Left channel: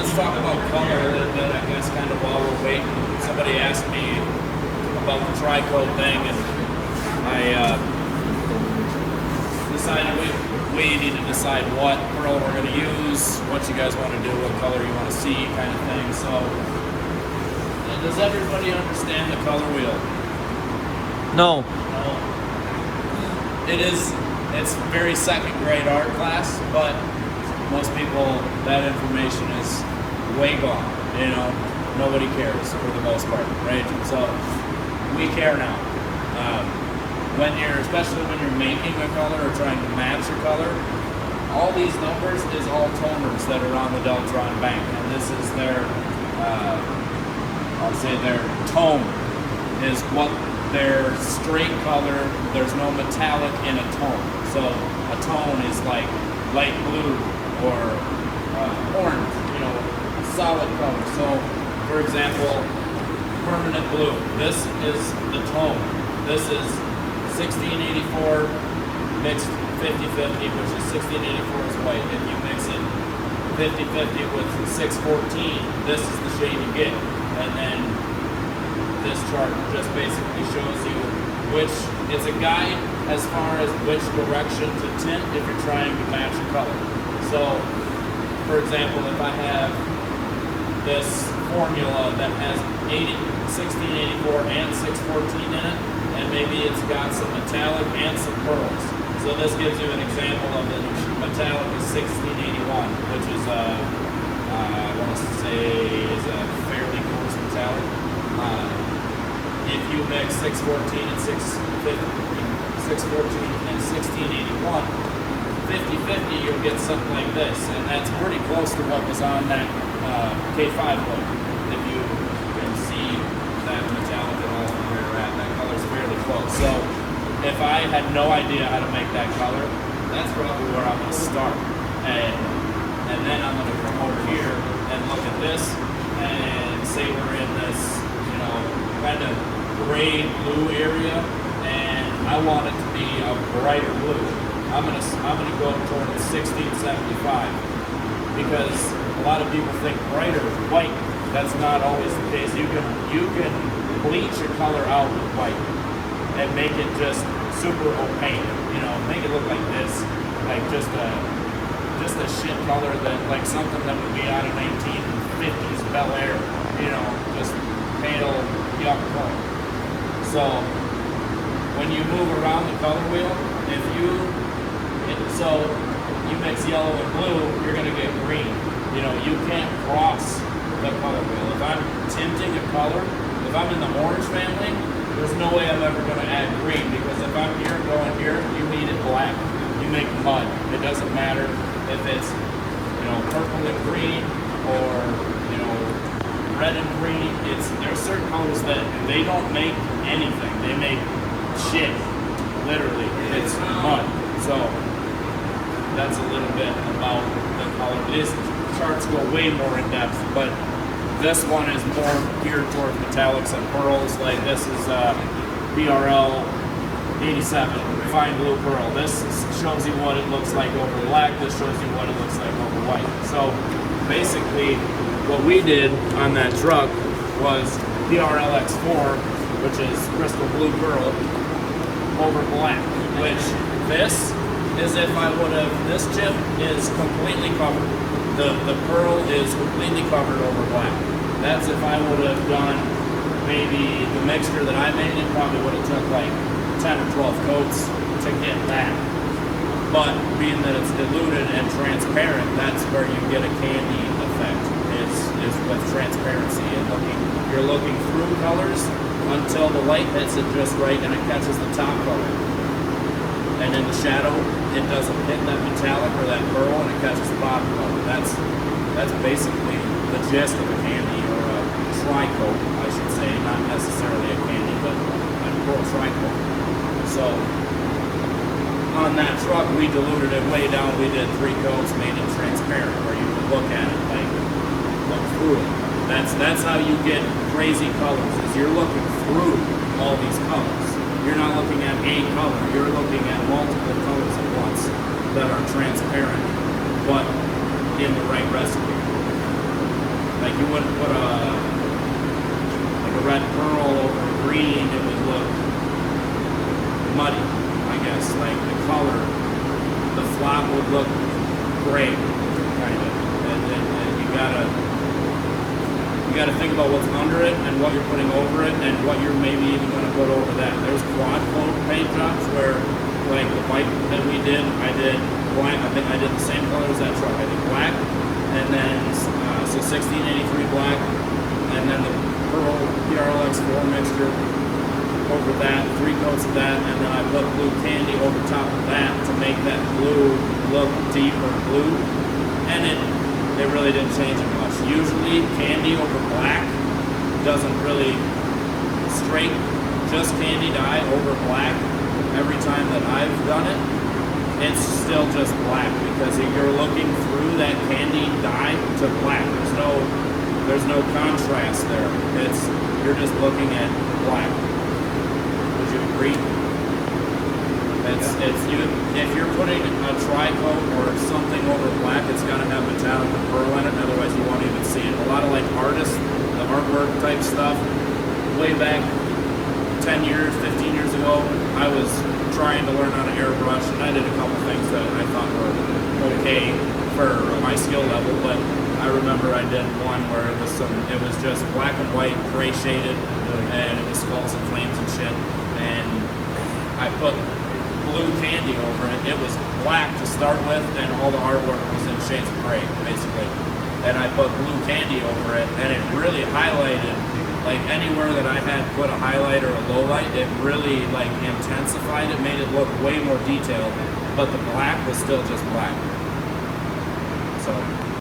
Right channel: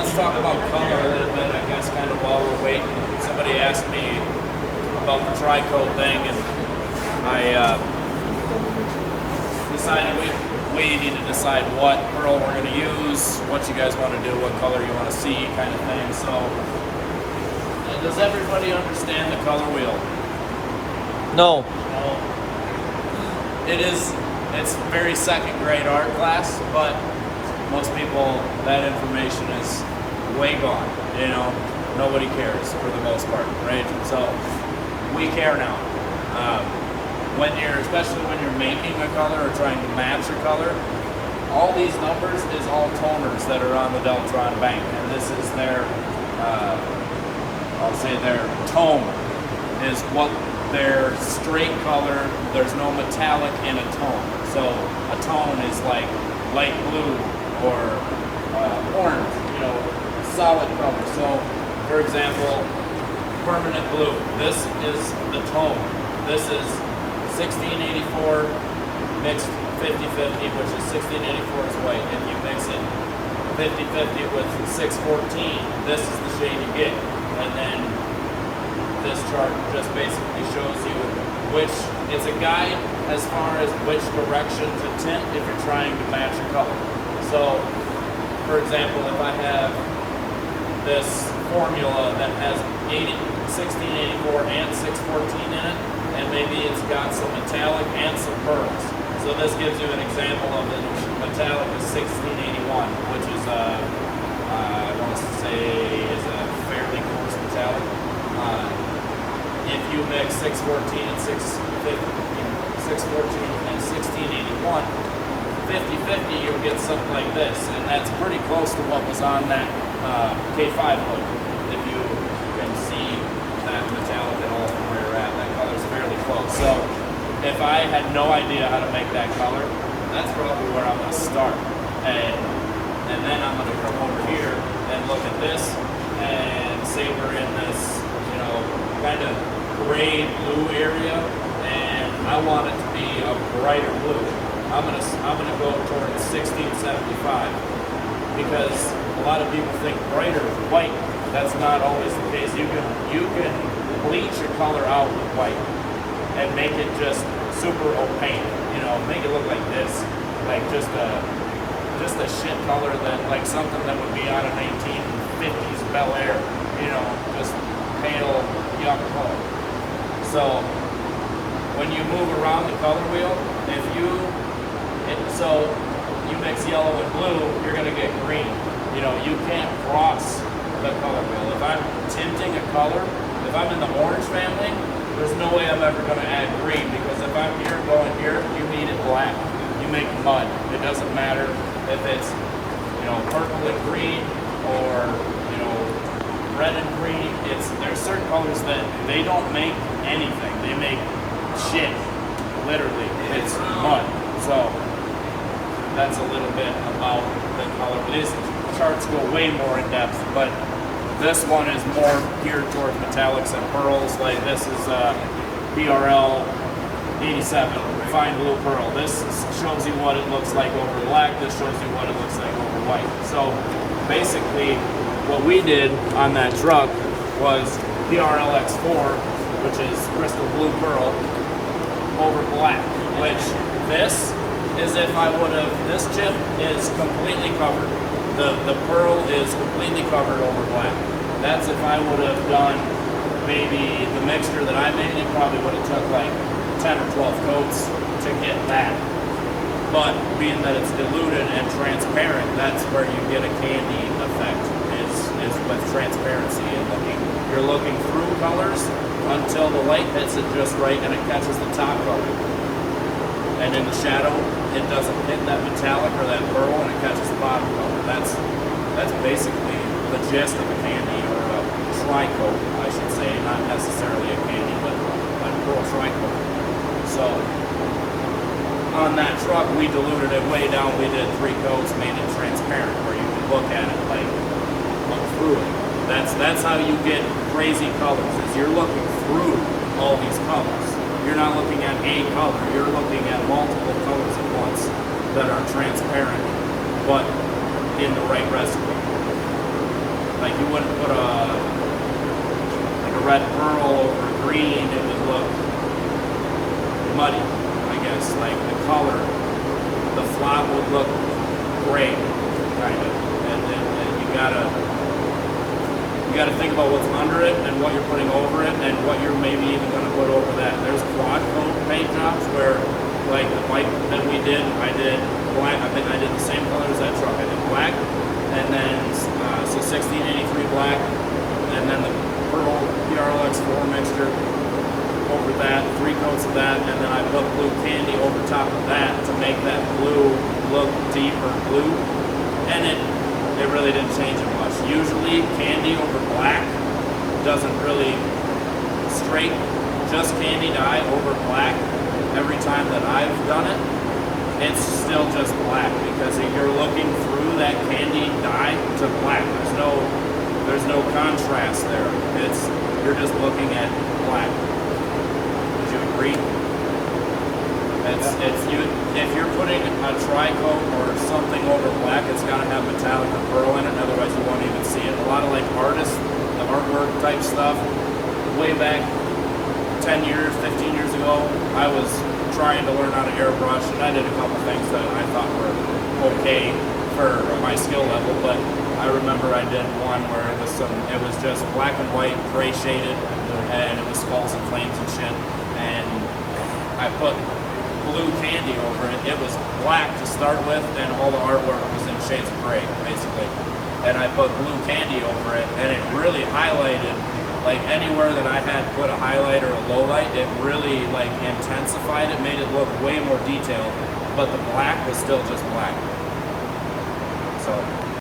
let's talk about color a little bit, I guess, kind of while we're waiting. Somebody asked me about the tri-coat thing, and I decided we need to decide what pearl we're going to use, what you guys want to do, what color you want to see, kind of thing. So, does everybody understand the color wheel? No. It's very second grade art class, but most people, that information is way gone. You know, nobody cares for the most part, right? So we care now. Especially when you're making a color or trying to match a color, all these numbers is all toners that are on the Deltron bank, and this is their, I'll say their tone is what their straight color. There's no metallic in a tone. So a tone is like light blue or orange, you know, solid color. So for example, permanent blue, this is the tone. This is 1684 mixed 50-50, which is 1684 is white. If you mix it 50-50 with 614, this is the shade you get. And then this chart just basically shows you which, it's a guide as far as which direction to tint if you're trying to match a color. So, for example, if I have this formula that has 1684 and 614 in it, and maybe it's got some metallic and some pearls. So this gives you an example of the metallic is 1681, which is I want to say is a fairly coarse metallic. If you mix 614 and 1681, 50-50, you'll get something like this, and that's pretty close to what was on that K5 book. If you can see that metallic at all from where you're at, that color's fairly close. So if I had no idea how to make that color, that's probably where I'm going to start. And then I'm going to come over here and look at this and say we're in this, you know, kind of gray blue area, and I want it to be a brighter blue. I'm gonna go toward the 1675, because a lot of people think brighter is white. That's not always the case. You can bleach your color out with white and make it just super opaque. You know, make it look like this, like just a shit color that, like something that would be out of 1950s Bel Air. You know, just pale, yuck color. So when you move around the color wheel, so you mix yellow and blue, you're going to get green. You know, you can't cross the color wheel. If I'm tinting a color, if I'm in the orange family, there's no way I'm ever going to add green, because if I'm here and going here, you need it black. You make mud. It doesn't matter if it's, you know, purple and green or, you know, red and green. There's certain colors that they don't make anything. They make shit. Literally, it's mud. So that's a little bit about the color. These charts go way more in depth, but this one is more geared toward metallics and pearls. Like this is BRL 87 fine blue pearl. This shows you what it looks like over black. This shows you what it looks like over white. So basically, what we did on that truck was BRL X4, which is crystal blue pearl, over black. Which this is if I would have, this chip is completely covered. The pearl is completely covered over black. That's if I would have done maybe the mixture that I made, it probably would have took like 10 or 12 coats to get that. But being that it's diluted and transparent, that's where you get a candy effect, is with transparency and you're looking through colors until the light hits it just right and it catches the top color. And in the shadow, it doesn't hit that metallic or that pearl, and it catches the bottom color. That's basically the gist of a candy, or a tri-coat, I should say. Not necessarily a candy, but a pearl tri-coat. So on that truck, we diluted it way down. We did 3 coats, made it transparent, where you can look at it, like look through it. That's how you get crazy colors. Is you're looking through all these colors. You're not looking at a color, you're looking at multiple colors at once that are transparent, but in the right recipe. Like you wouldn't put like a red pearl over green, it would look muddy, I guess. Like the color, the flop would look gray, kind of. And then you gotta think about what's under it and what you're putting over it and what you're maybe even gonna put over that. There's quad coat paint jobs where, like the bike that we did, I did black. I think I did the same color as that truck. I did black, and then so 1683 black, and then the Pearl PRLX 4 mixture over that, 3 coats of that, and then I put blue candy over top of that to make that blue look deeper blue, and it really didn't change it much. Usually candy over black doesn't really straight, just candy dye over black. Every time that I've done it, it's still just black because you're looking through that candy dye to black. There's no contrast there. You're just looking at black. Would you agree? If you're putting a tri-coat or something over black, it's got to have metallic or pearl in it, otherwise you won't even see it. A lot of like artists, the artwork type stuff, way back 10 years, 15 years ago, I was trying to learn how to airbrush, and I did a couple things that I thought were okay for my skill level, but I remember I did one where it was just black and white, gray shaded, and it was skulls and flames and shit, and I put blue candy over it. It was black to start with, and all the artwork was in shades of gray, basically. And I put blue candy over it, and it really highlighted, like anywhere that I had put a highlight or a low light, it really like intensified it, made it look way more detailed, but the black was still just black. So